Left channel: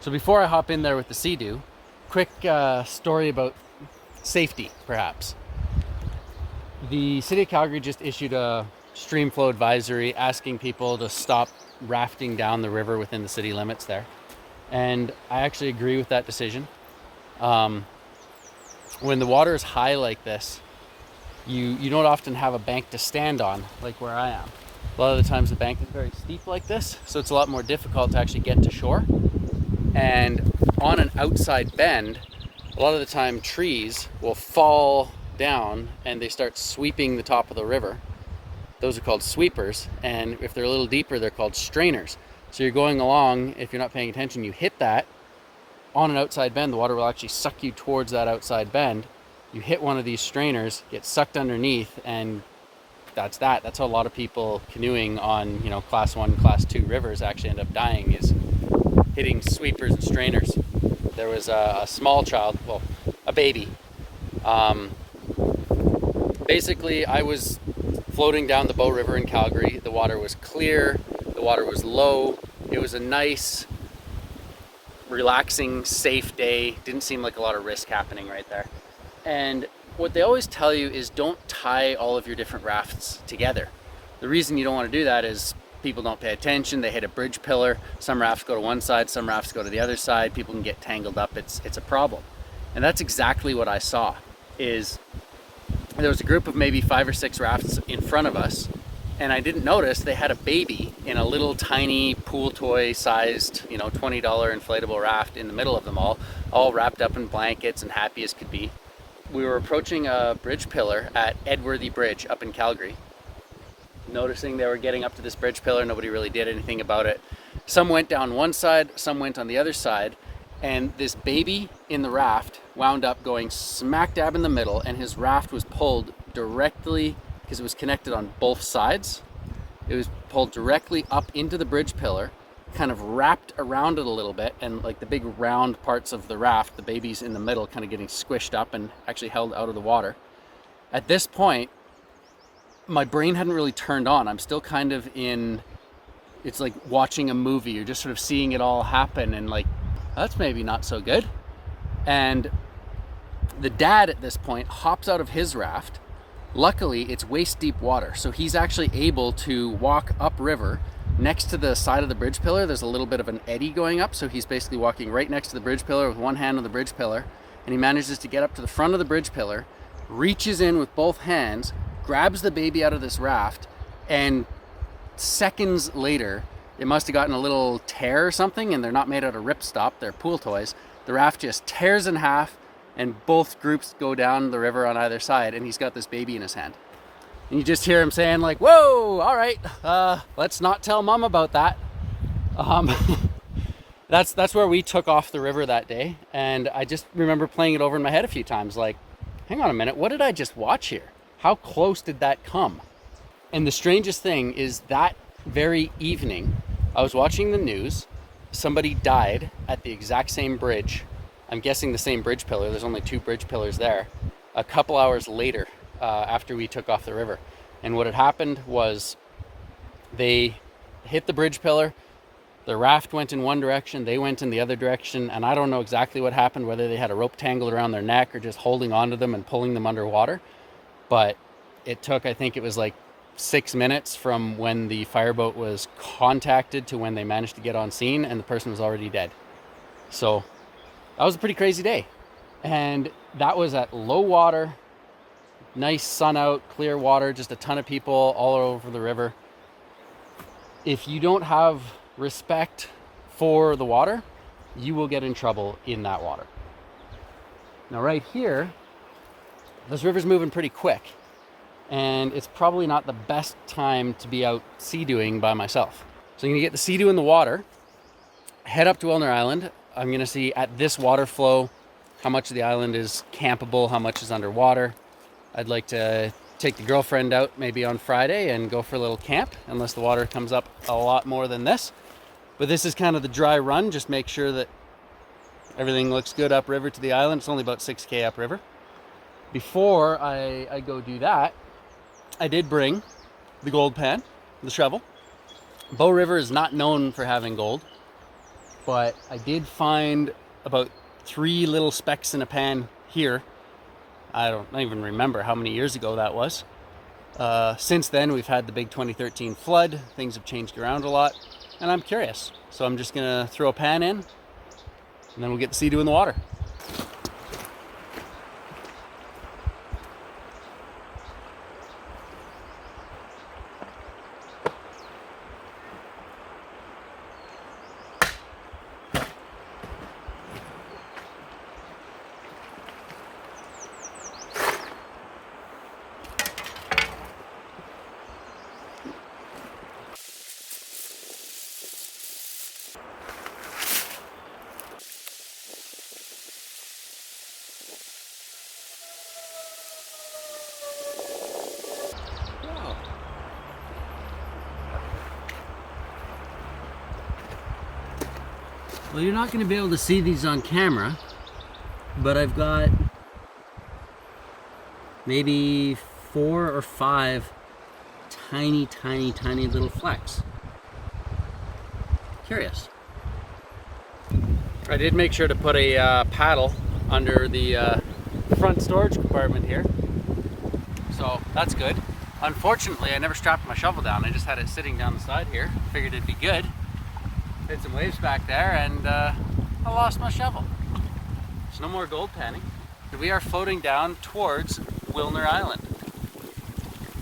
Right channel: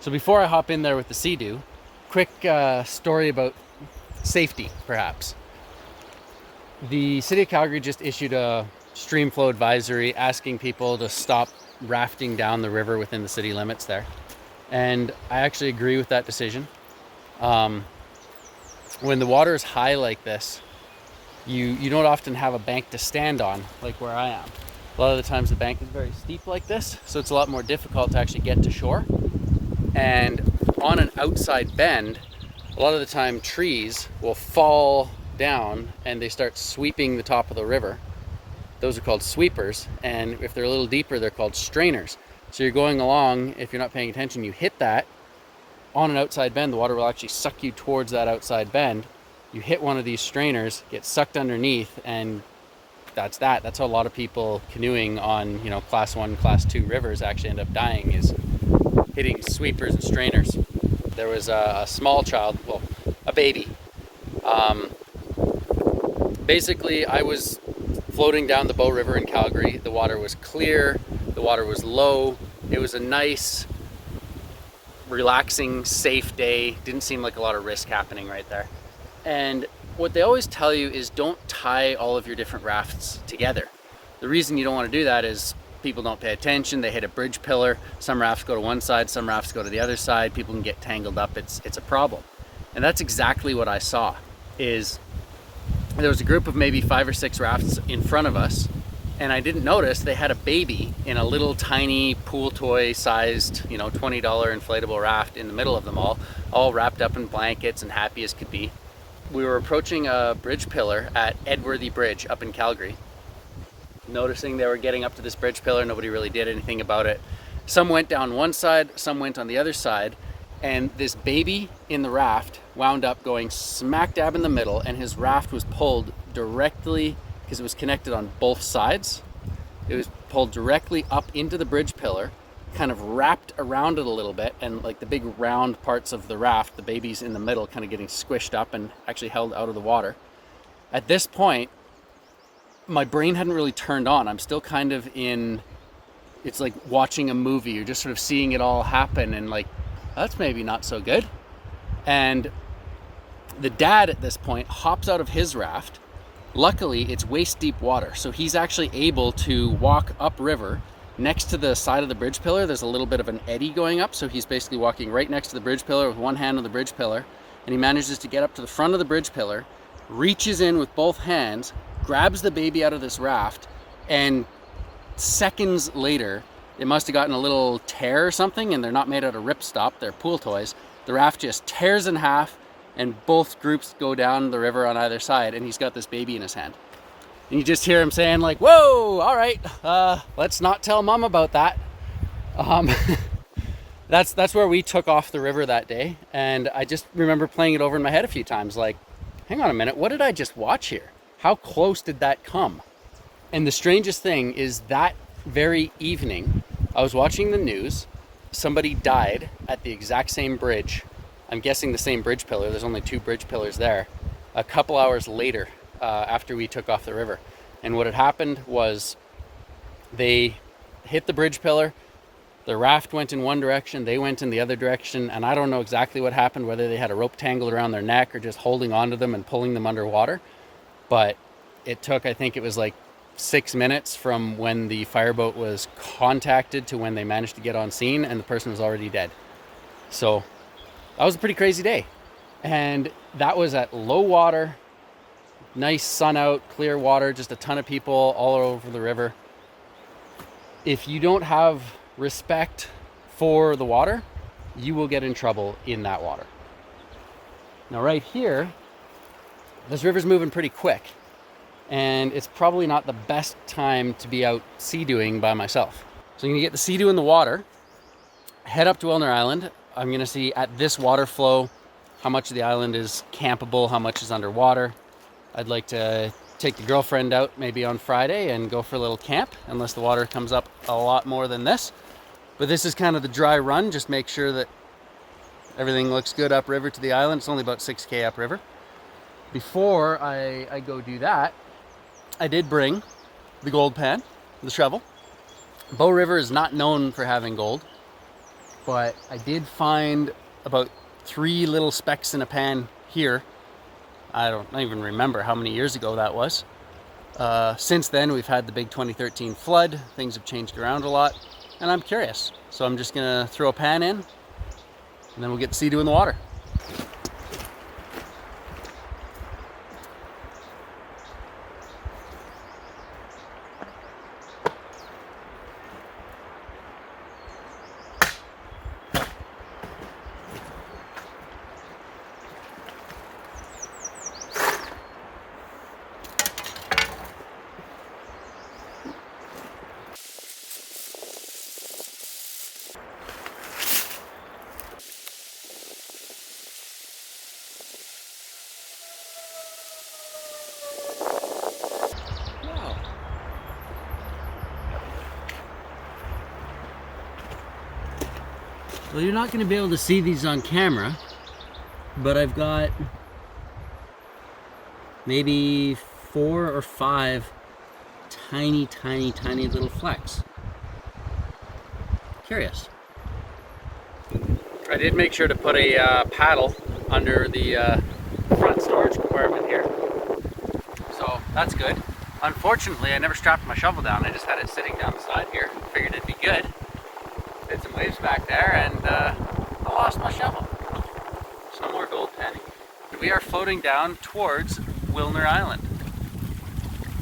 So before I hop in there with the Seadoo, quick story about safety, perhaps. The City of Calgary just issued a stream flow advisory asking people to stop rafting down the river within the city limits there. And I actually agree with that decision. When the water is high like this, you don't often have a bank to stand on like where I am. A lot of the times the bank is very steep like this, so it's a lot more difficult to actually get to shore. And on an outside bend, a lot of the time trees will fall down and they start sweeping the top of the river. Those are called sweepers, and if they're a little deeper, they're called strainers. So you're going along, if you're not paying attention, you hit that on an outside bend, the water will actually suck you towards that outside bend. You hit one of these strainers, get sucked underneath, and that's that. That's how a lot of people canoeing on, class 1, class 2 rivers actually end up dying, is hitting sweepers and strainers. There was a small child, well, a baby. Basically, I was floating down the Bow River in Calgary. The water was clear, the water was low. It was a nice, relaxing, safe day. Didn't seem like a lot of risk happening right there. And what they always tell you is don't tie all of your different rafts together. The reason you don't want to do that is people don't pay attention. They hit a bridge pillar. Some rafts go to one side, some rafts go to the other side. People can get tangled up. It's a problem. And that's exactly what I saw. Is there was a group of maybe 5 or 6 rafts in front of us, and I didn't notice they had a baby in a little tiny pool toy sized, $20 inflatable raft in the middle of them all wrapped up in blankets and happy as could be. We were approaching a bridge pillar at Edworthy Bridge up in Calgary. Noticing they were getting up to this bridge pillar, nobody really did anything about it. Some went down one side, some went on the other side, and this baby in the raft wound up going smack dab in the middle, and his raft was pulled directly, because it was connected on both sides. It was pulled directly up into the bridge pillar, kind of wrapped around it a little bit, and like the big round parts of the raft, the baby's in the middle kind of getting squished up and actually held out of the water. At this point, my brain hadn't really turned on. I'm still kind of it's like watching a movie. You're just sort of seeing it all happen and like, that's maybe not so good. And the dad at this point hops out of his raft. Luckily, it's waist deep water, so he's actually able to walk upriver. Next to the side of the bridge pillar, there's a little bit of an eddy going up, so he's basically walking right next to the bridge pillar with one hand on the bridge pillar, and he manages to get up to the front of the bridge pillar, reaches in with both hands, grabs the baby out of this raft, and seconds later, it must have gotten a little tear or something, and they're not made out of ripstop, they're pool toys. The raft just tears in half, and both groups go down the river on either side, and he's got this baby in his hand. And you just hear him saying like, whoa, all right, let's not tell mom about that. That's where we took off the river that day. And I just remember playing it over in my head a few times, like, hang on a minute, what did I just watch here? How close did that come? And the strangest thing is that very evening, I was watching the news. Somebody died at the exact same bridge. I'm guessing the same bridge pillar. There's only 2 bridge pillars there. A couple hours later, after we took off the river. And what had happened was they hit the bridge pillar, the raft went in one direction, they went in the other direction, and I don't know exactly what happened, whether they had a rope tangled around their neck or just holding onto them and pulling them underwater. But it took, I think it was like 6 minutes from when the fireboat was contacted to when they managed to get on scene, and the person was already dead. So that was a pretty crazy day. And that was at low water, nice sun out, clear water, just a ton of people all over the river. If you don't have respect for the water, you will get in trouble in that water. Now right here, this river's moving pretty quick, and it's probably not the best time to be out sea-dooing by myself. So I'm gonna get the Seadoo in the water, head up to Wilner Island. I'm gonna see at this water flow how much of the island is campable, how much is underwater. I'd like to take the girlfriend out maybe on Friday and go for a little camp, unless the water comes up a lot more than this. But this is kind of the dry run, just make sure that everything looks good upriver to the island. It's only about 6K upriver. Before I go do that, I did bring the gold pan, the shovel. Bow River is not known for having gold. but I did find about 3 little specks in a pan here. I don't even remember how many years ago that was. Since then, we've had the big 2013 flood. Things have changed around a lot, and I'm curious. So I'm just gonna throw a pan in, and then we'll get the Seadoo in the water. Well, you're not going to be able to see these on camera, but I've got maybe 4 or 5 tiny little flecks. Curious. I did make sure to put a paddle under the front storage compartment here, so that's good. Unfortunately, I never strapped my shovel down. I just had it sitting down the side here. Figured it'd be good. Hit some waves back there, and I lost my shovel. There's no more gold panning. We are floating down towards Wilner Island.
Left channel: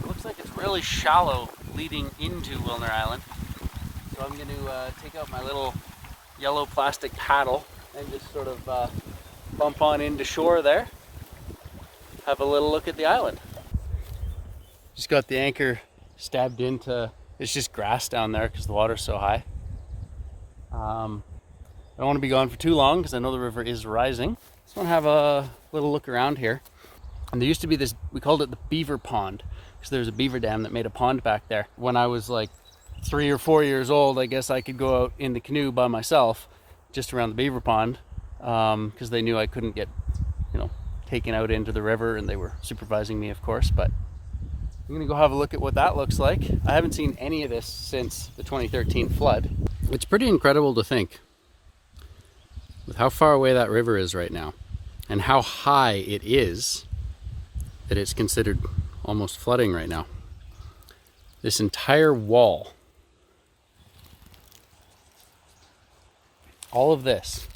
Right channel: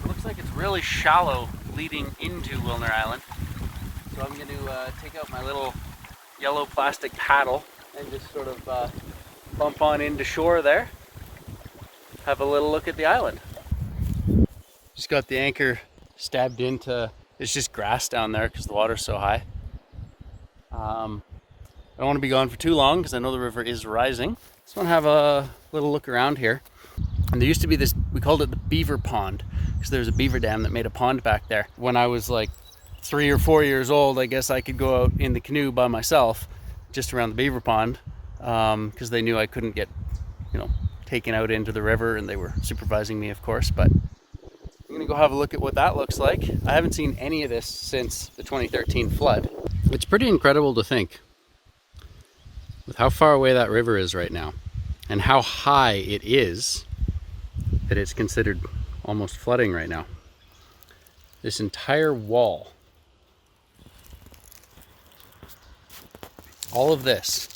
It looks like it's really shallow leading into Wilner Island. So I'm going to take out my little yellow plastic paddle and just sort of bump on into shore there. Have a little look at the island. Just got the anchor stabbed into, it's just grass down there because the water's so high. I don't want to be gone for too long because I know the river is rising. Just want to have a little look around here. And there used to be this, we called it the beaver pond, because there was a beaver dam that made a pond back there. When I was like 3 or 4 years old, I guess I could go out in the canoe by myself just around the beaver pond, because they knew I couldn't get, taken out into the river, and they were supervising me, of course. But I'm gonna go have a look at what that looks like. I haven't seen any of this since the 2013 flood. It's pretty incredible to think with how far away that river is right now and how high it is that it's considered almost flooding right now. This entire wall, all of this,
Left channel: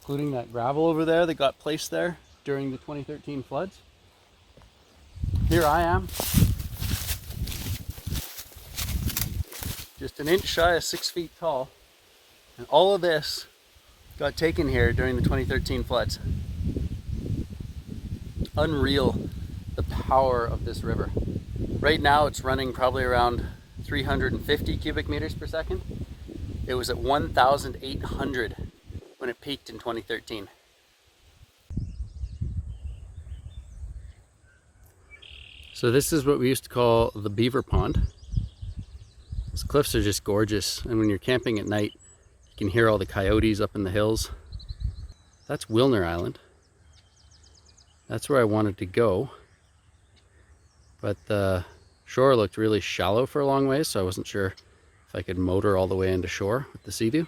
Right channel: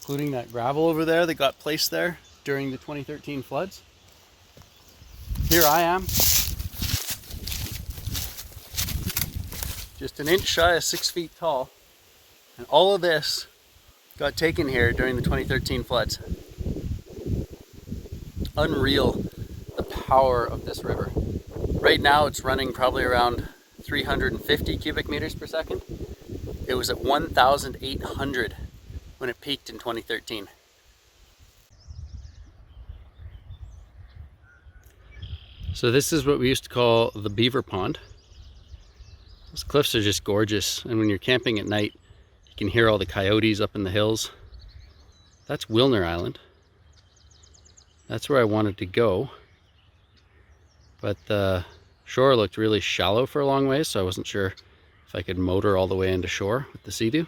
including that gravel over there that got placed there during the 2013 floods. Here I am, just an inch shy of 6 feet tall, and all of this got taken here during the 2013 floods. Unreal, the power of this river. Right now it's running probably around 350 cubic meters per second. It was at 1,800 when it peaked in 2013. So this is what we used to call the beaver pond. Those cliffs are just gorgeous, and when you're camping at night, you can hear all the coyotes up in the hills. That's Wilner Island. That's where I wanted to go, but the shore looked really shallow for a long way, so I wasn't sure if I could motor all the way into shore with the Seadoo.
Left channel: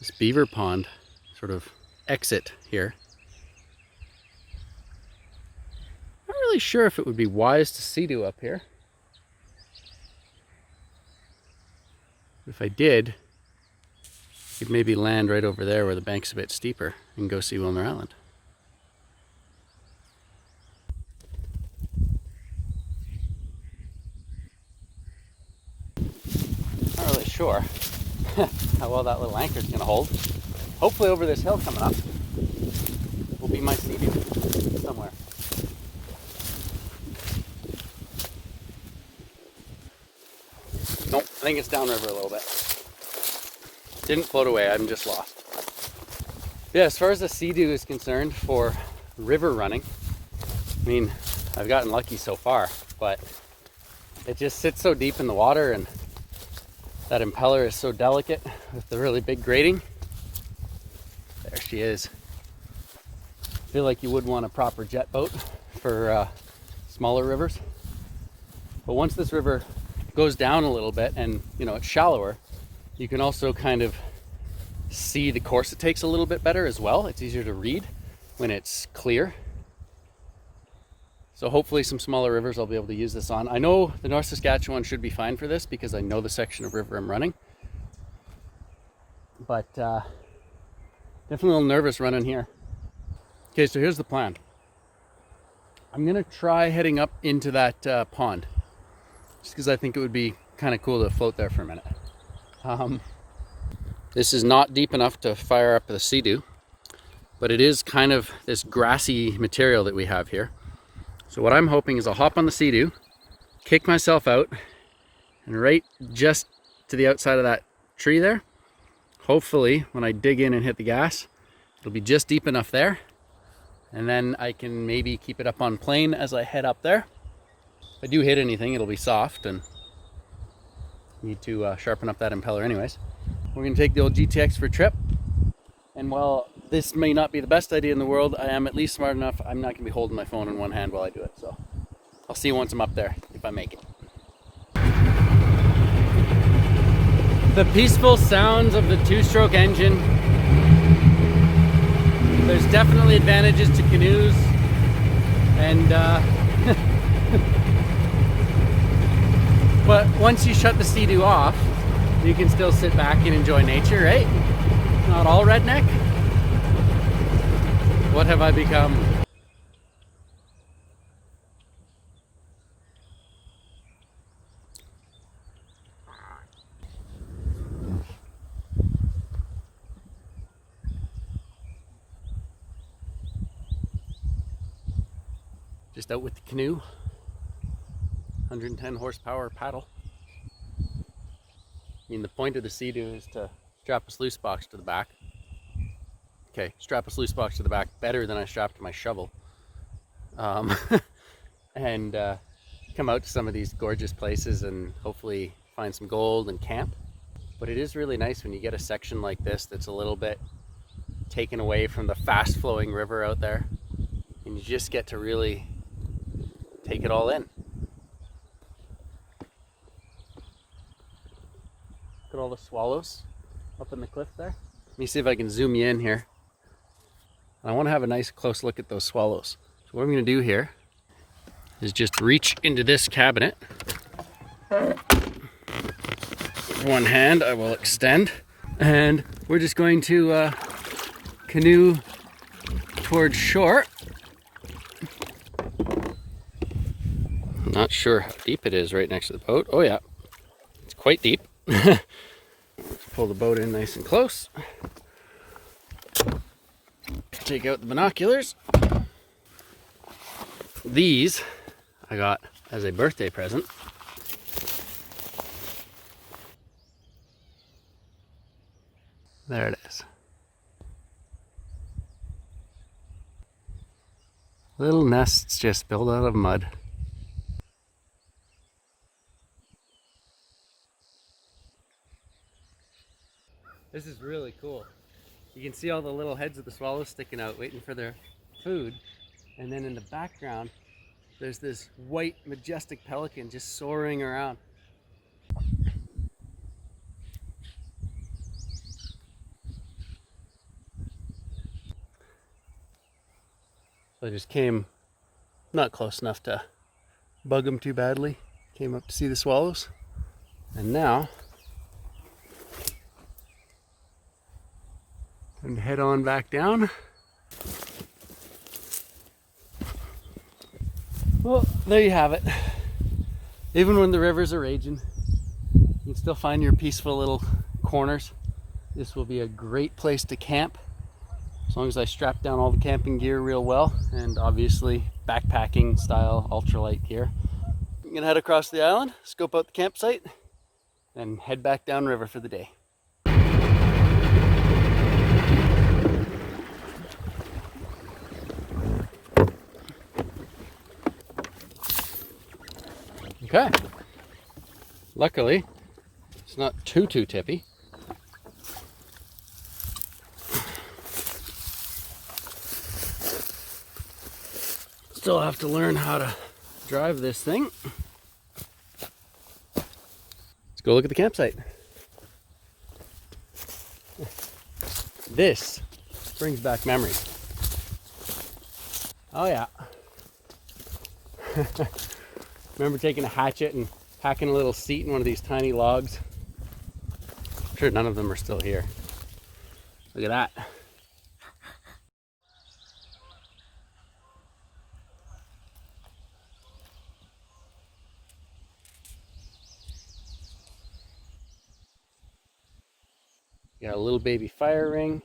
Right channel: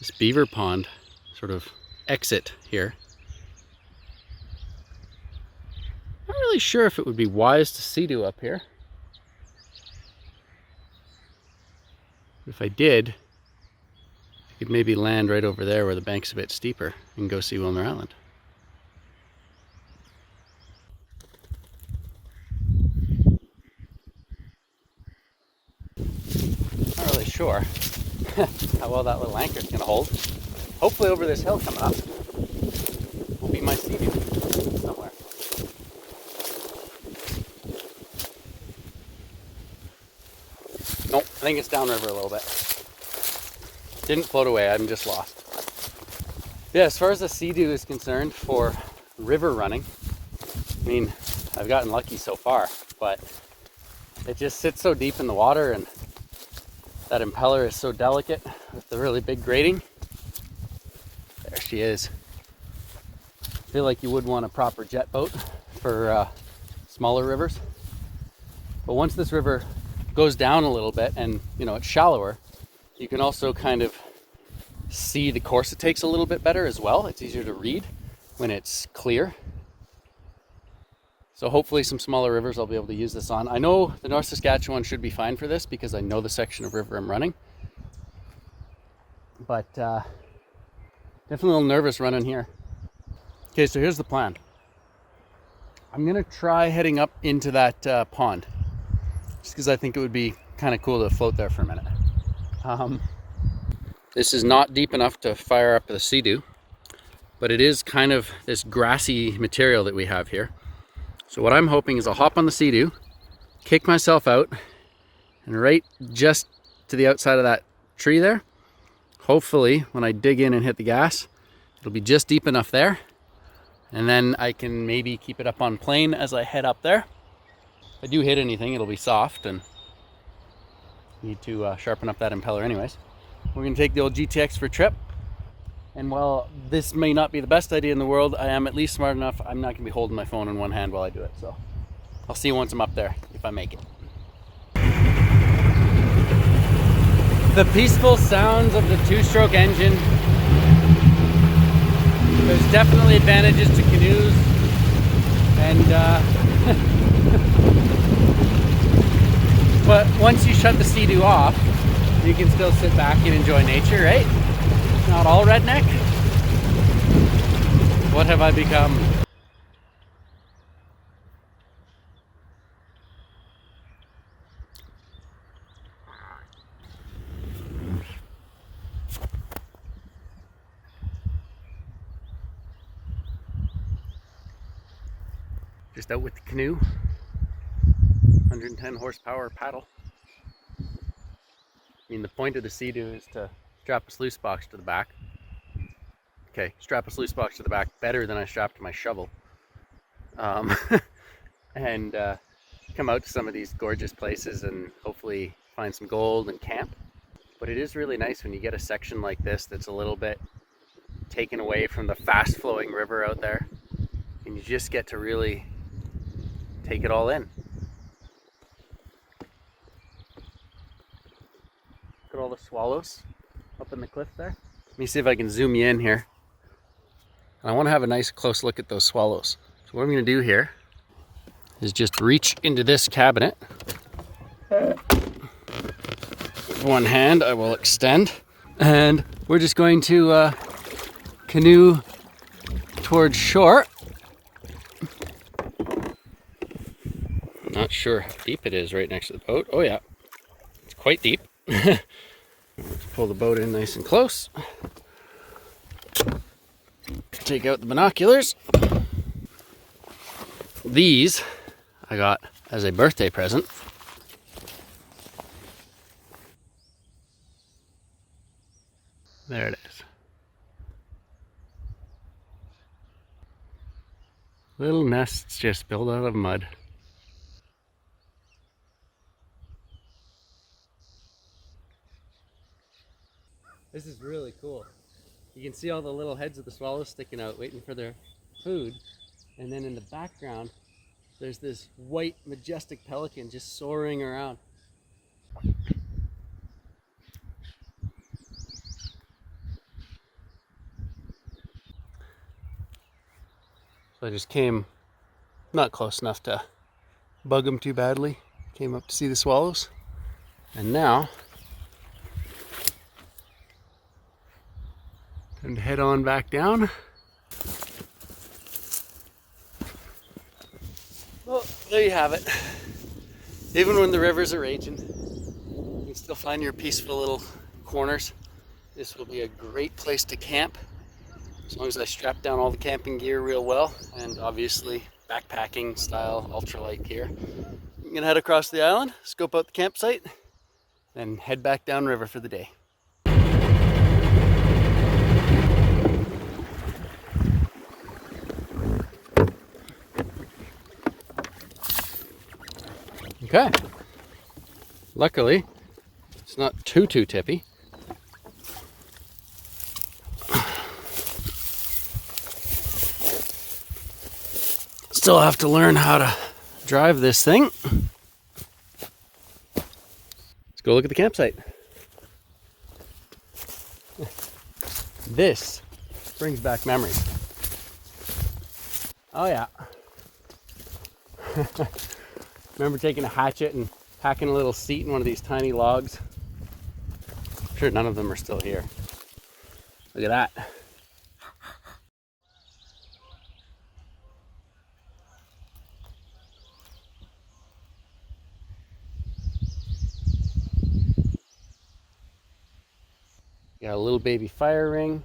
This beaver pond sort of exit here. Not really sure if it would be wise to Seadoo up here. If I did, I could maybe land right over there where the bank's a bit steeper and go see Wilner Island. Not really sure how well that little anchor is going to hold. Hopefully over this hill coming up will be my Seadoo somewhere. Nope, I think it's downriver a little bit. Didn't float away, I'm just lost. Yeah, as far as the Seadoo is concerned for river running, I mean, I've gotten lucky so far, but it just sits so deep in the water, and that impeller is so delicate with the really big grating. There she is. I feel like you would want a proper jet boat for smaller rivers. But once this river goes down a little bit and, you know, it's shallower, you can also kind of see the course it takes a little bit better as well. It's easier to read when it's clear. So hopefully some smaller rivers I'll be able to use this on. I know the North Saskatchewan should be fine for this because I know the section of river I'm running. But definitely a little nervous running here. Okay, so here's the plan. I'm gonna try heading up into that pond, just because I think it would be kind of cool to float there for a minute. This is not deep enough to fire up the Seadoo, but it is kind of this grassy material that we have here. So what I'm hoping is I'll hop on the Seadoo, kick myself out, and right just to the outside of that tree there, hopefully when I dig in and hit the gas, it'll be just deep enough there, and then I can maybe keep it up on plane as I head up there. If I do hit anything, it'll be soft, and need to sharpen up that impeller anyways. We're gonna take the old GTX for a trip, and while this may not be the best idea in the world, I am at least smart enough I'm not gonna be holding my phone in one hand while I do it. So I'll see you once I'm up there, if I make it. The peaceful sounds of the two-stroke engine. There's definitely advantages to canoes, and but once you shut the Seadoo off, you can still sit back and enjoy nature, right? It's not all redneck. What have I become? Just out with the canoe, 110 horsepower paddle. I mean, the point of the Seadoo is to strap a sluice box to the back. Okay, strap a sluice box to the back better than I strapped my shovel. And come out to some of these gorgeous places and hopefully find some gold and camp. But it is really nice when you get a section like this that's a little bit taken away from the fast flowing river out there, and you just get to really take it all in. Look at all the swallows up in the cliff there. Let me see if I can zoom you in here. I want to have a nice close look at those swallows. So what I'm going to do here is just reach into this cabinet. With one hand I will extend, and we're just going to canoe towards shore. I'm not sure how deep it is right next to the boat. Oh yeah, it's quite deep. Let's pull the boat in nice and close. Take out the binoculars. These I got as a birthday present. There it is. Little nests just built out of mud. This is really cool. You can see all the little heads of the swallows sticking out waiting for their food. And then in the background, there's this white majestic pelican just soaring around. So I just came not close enough to bug them too badly. Came up to see the swallows. And now and head on back down. Well, there you have it. Even when the rivers are raging, you can still find your peaceful little corners. This will be a great place to camp, as long as I strap down all the camping gear real well, and obviously backpacking style ultralight gear. I'm gonna head across the island, scope out the campsite, and head back downriver for the day. Okay. Luckily, it's not too tippy. Still have to learn how to drive this thing. go look at the campsite. This brings back memories. Oh yeah. Remember taking a hatchet and hacking a little seat in one of these tiny logs? I'm sure none of them are still here. Look at that. Got a little baby fire ring.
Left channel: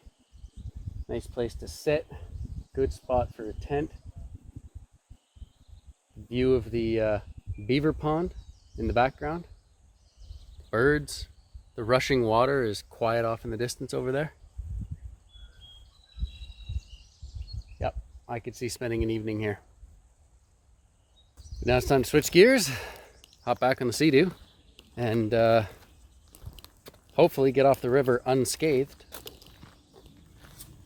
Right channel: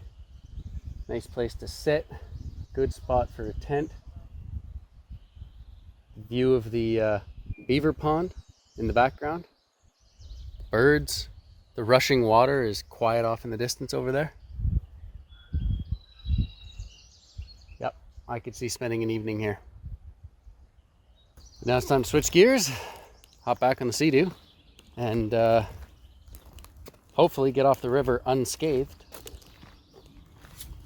Nice place to sit. Good spot for a tent. View of the beaver pond in the background. Birds. The rushing water is quiet off in the distance over there. Yep, I could see spending an evening here. But now it's time to switch gears, hop back on the Seadoo, and hopefully get off the river unscathed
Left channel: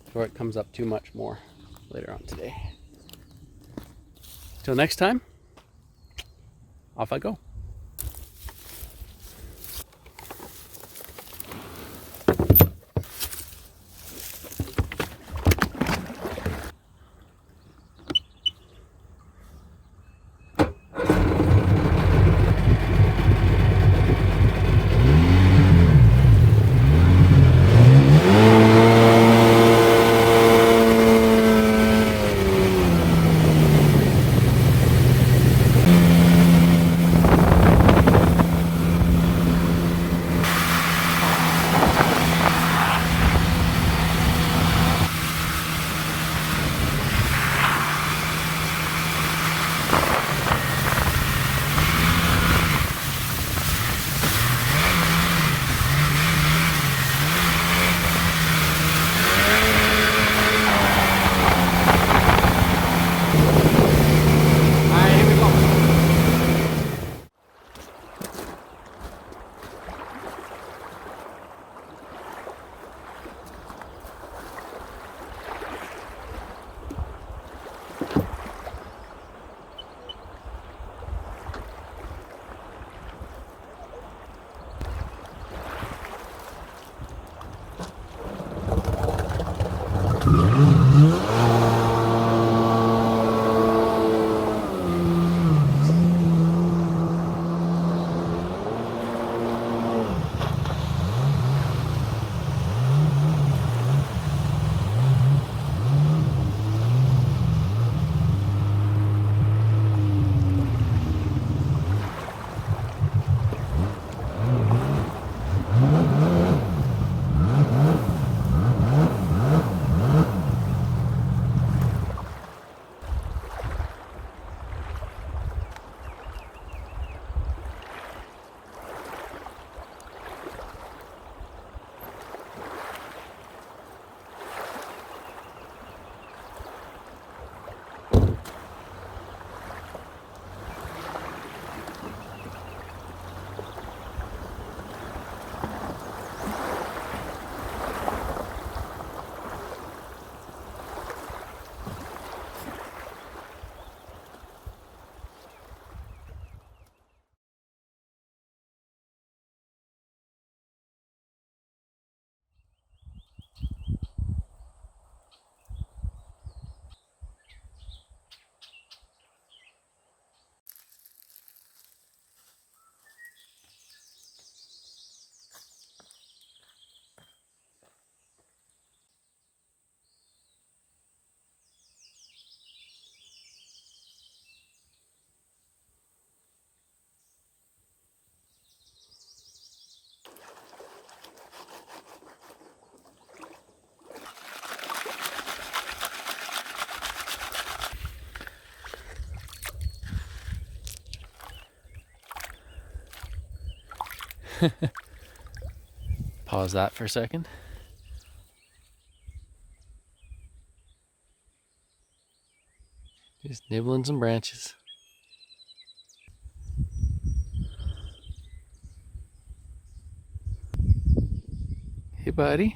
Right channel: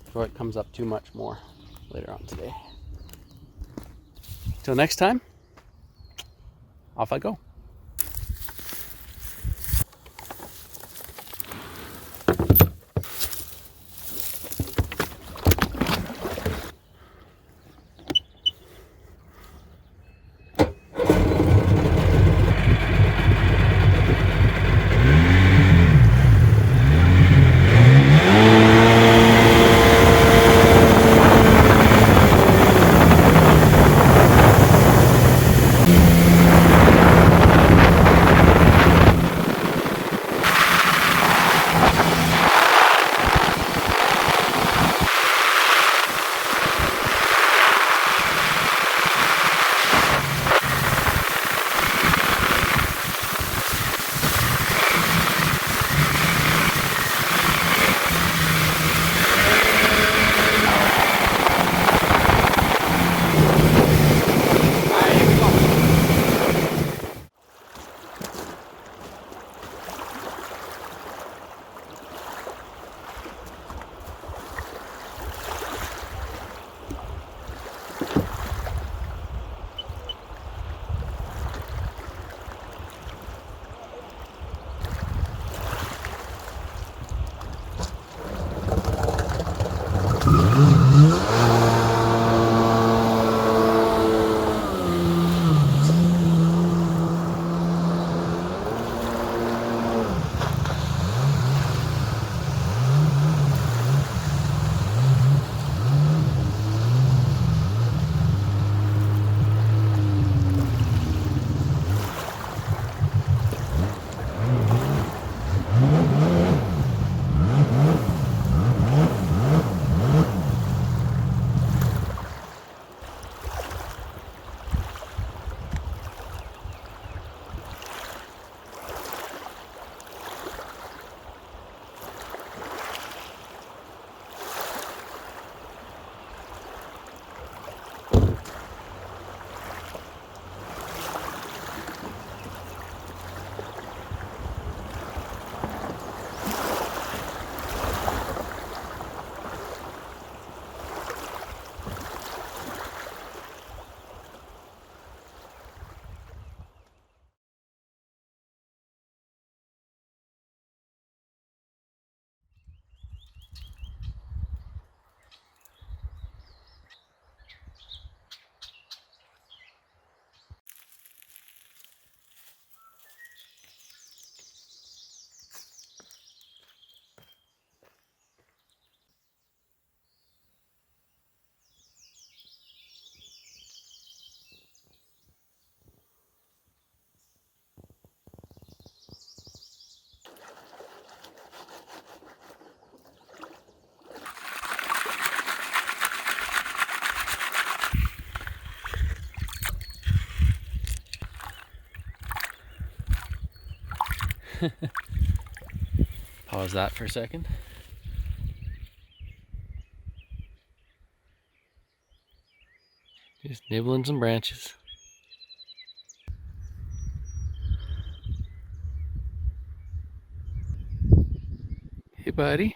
before it comes up too much more later on today. Till next time, off I go. Pause that for a second. Just nibbling some branches. Hey, buddy.